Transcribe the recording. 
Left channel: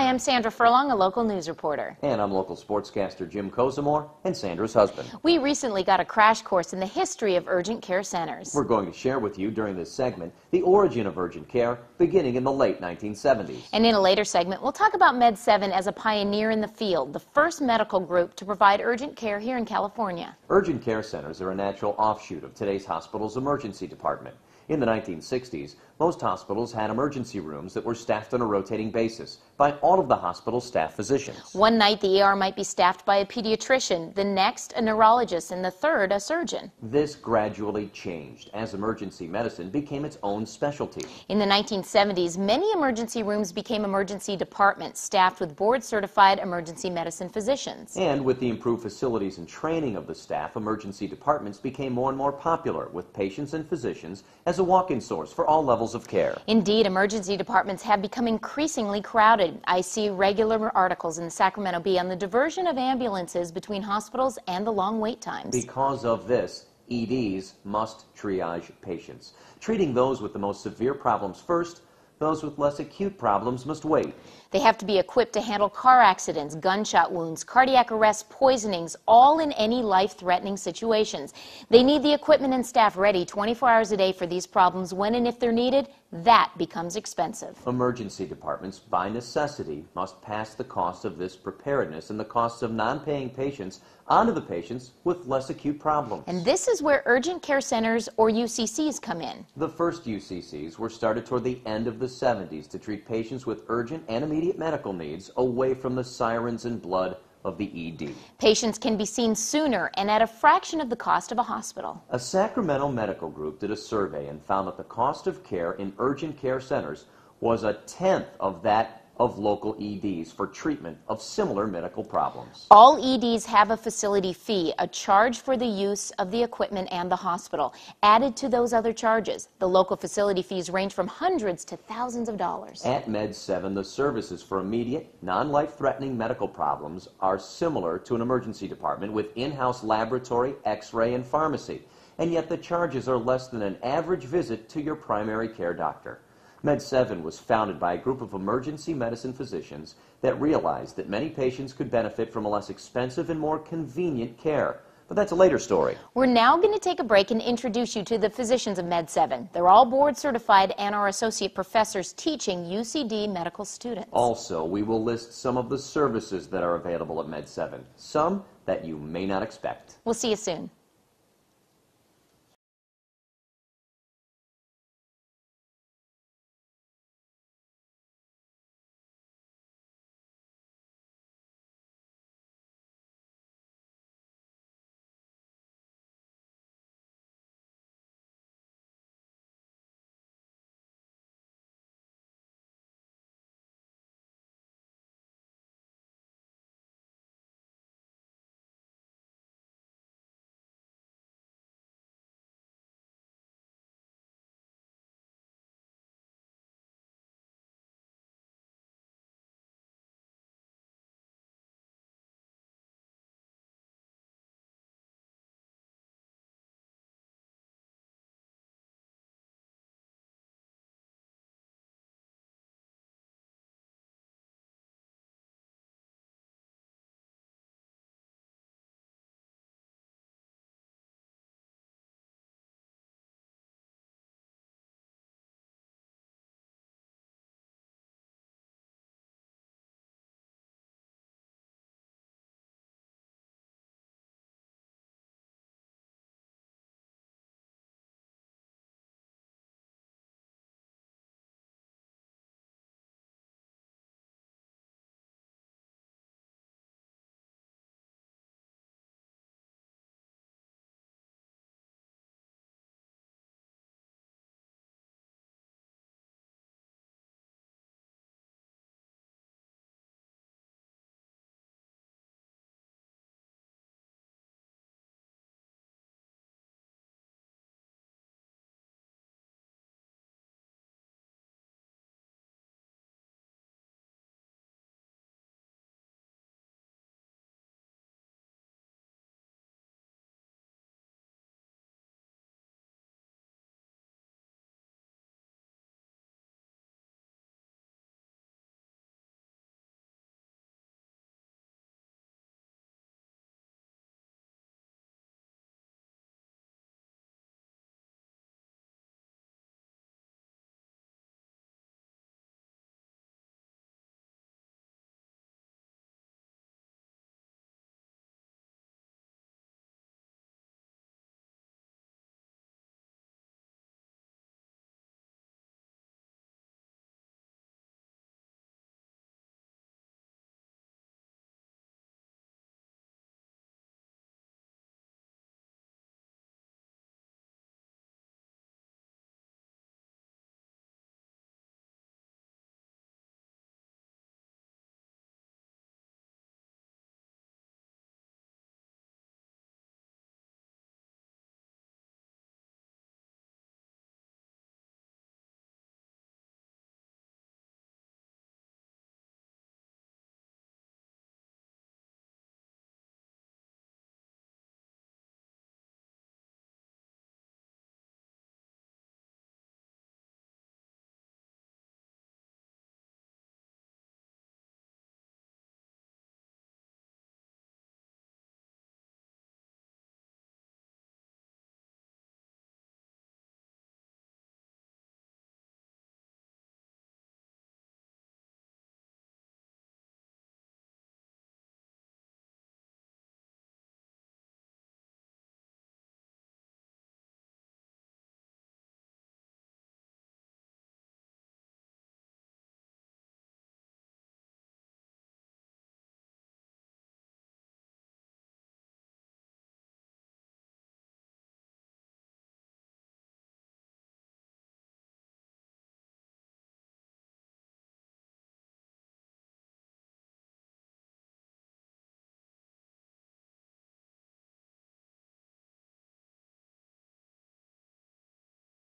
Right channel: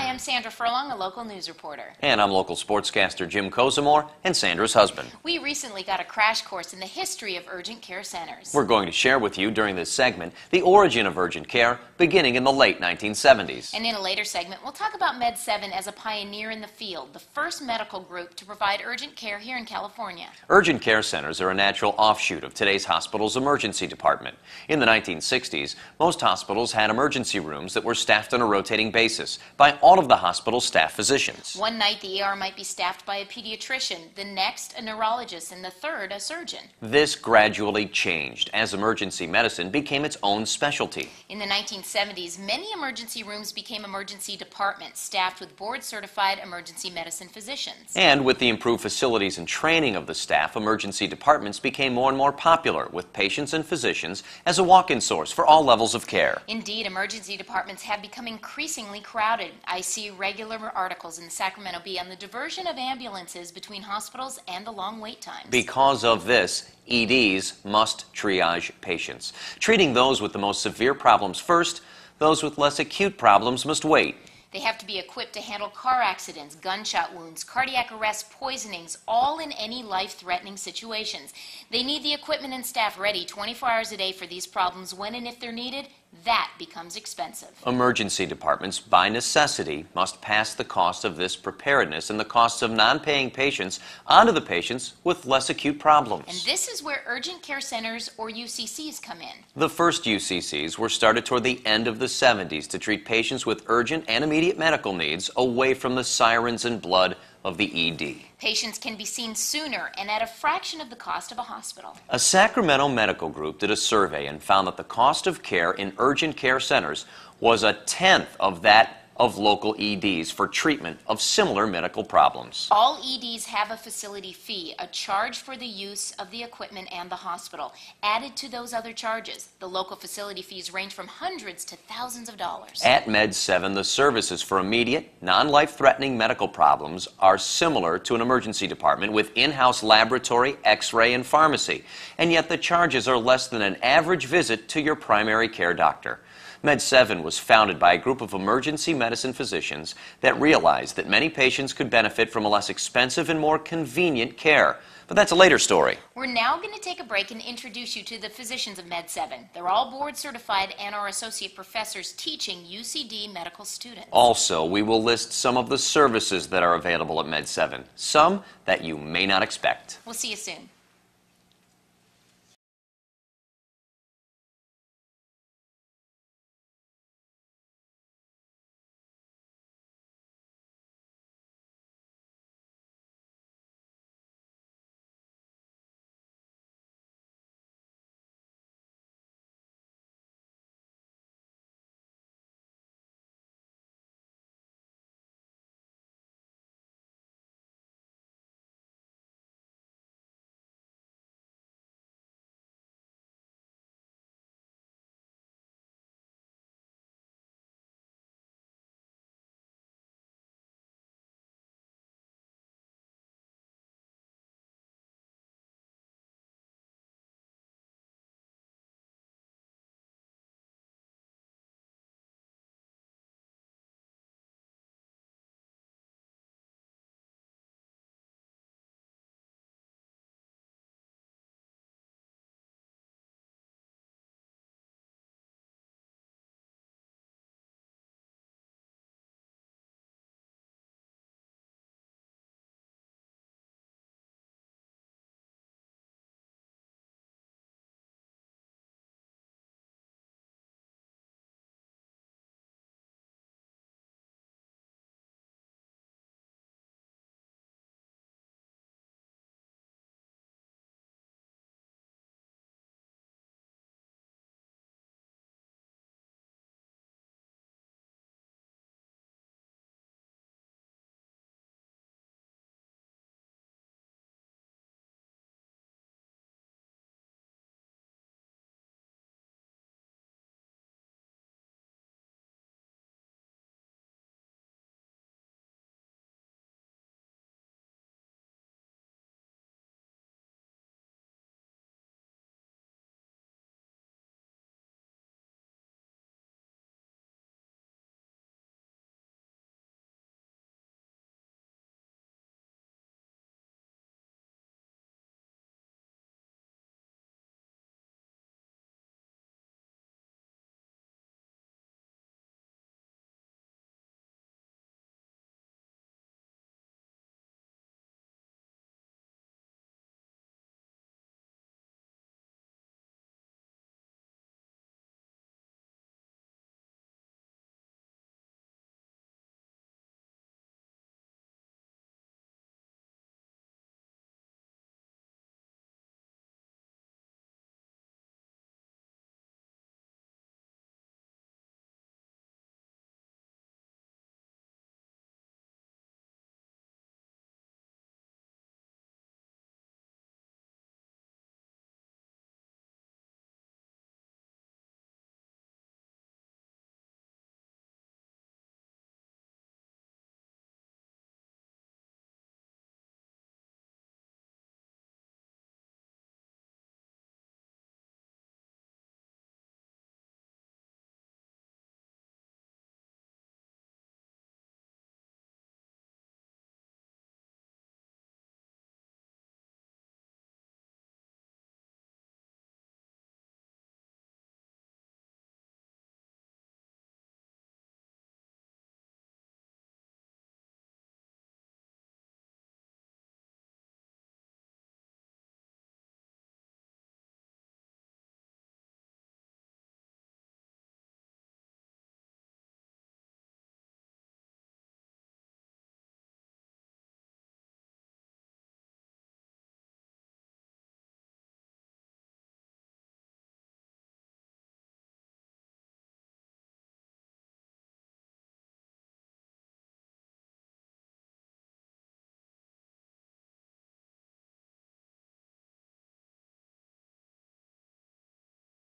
Hi, I'm Sandra Furlong, a local news reporter. And I'm local sportscaster Jim Kozamore and Sandra's husband. We recently got a crash course in the history of urgent care centers. We're going to share with you during this segment the origin of urgent care beginning in the late 1970s. And in a later segment, we'll talk about Med7 as a pioneer in the field, the first medical group to provide urgent care here in California. Urgent care centers are a natural offshoot of today's hospital's emergency department. In the 1960s, most hospitals had emergency rooms that were staffed on a rotating basis by all of the hospital's staff physicians. One night, the ER might be staffed by a pediatrician, the next, a neurologist, and the third, a surgeon. This gradually changed as emergency medicine became its own specialty. In the 1970s, many emergency rooms became emergency departments, staffed with board-certified emergency medicine physicians. And with the improved facilities and training of the staff, emergency departments became more and more popular, with patients and physicians as a walk-in source for all levels of care. Indeed, emergency departments have become increasingly crowded. I see regular articles in the Sacramento Bee on the diversion of ambulances between hospitals and the long wait times. Because of this, EDs must triage patients. Treating those with the most severe problems first, those with less acute problems must wait. They have to be equipped to handle car accidents, gunshot wounds, cardiac arrest, poisonings, all in any life-threatening situations. They need the equipment and staff ready 24 hours a day for these problems when and if they're needed. That becomes expensive. Emergency departments, by necessity, must pass the cost of this preparedness and the costs of non-paying patients onto the patients with less acute problems. And this is where urgent care centers, or UCCs, come in. The first UCCs were started toward the end of the 70s to treat patients with urgent and immediate medical needs away from the sirens and blood of the ED. Patients can be seen sooner and at a fraction of the cost of a hospital. A Sacramento medical group did a survey and found that the cost of care in urgent care centers was a tenth of that of local EDs for treatment of similar medical problems. All EDs have a facility fee, a charge for the use of the equipment and the hospital, added to those other charges. The local facility fees range from hundreds to thousands of dollars. At Med7, the services for immediate, non-life-threatening medical problems are similar to an emergency department with in-house laboratory, x-ray, and pharmacy, and yet the charges are less than an average visit to your primary care doctor. Med7 was founded by a group of emergency medicine physicians that realized that many patients could benefit from a less expensive and more convenient care. But that's a later story. We're now going to take a break and introduce you to the physicians of Med7. They're all board certified and are associate professors teaching UCD medical students. Also, we will list some of the services that are available at Med7, some that you may not expect. We'll see you soon.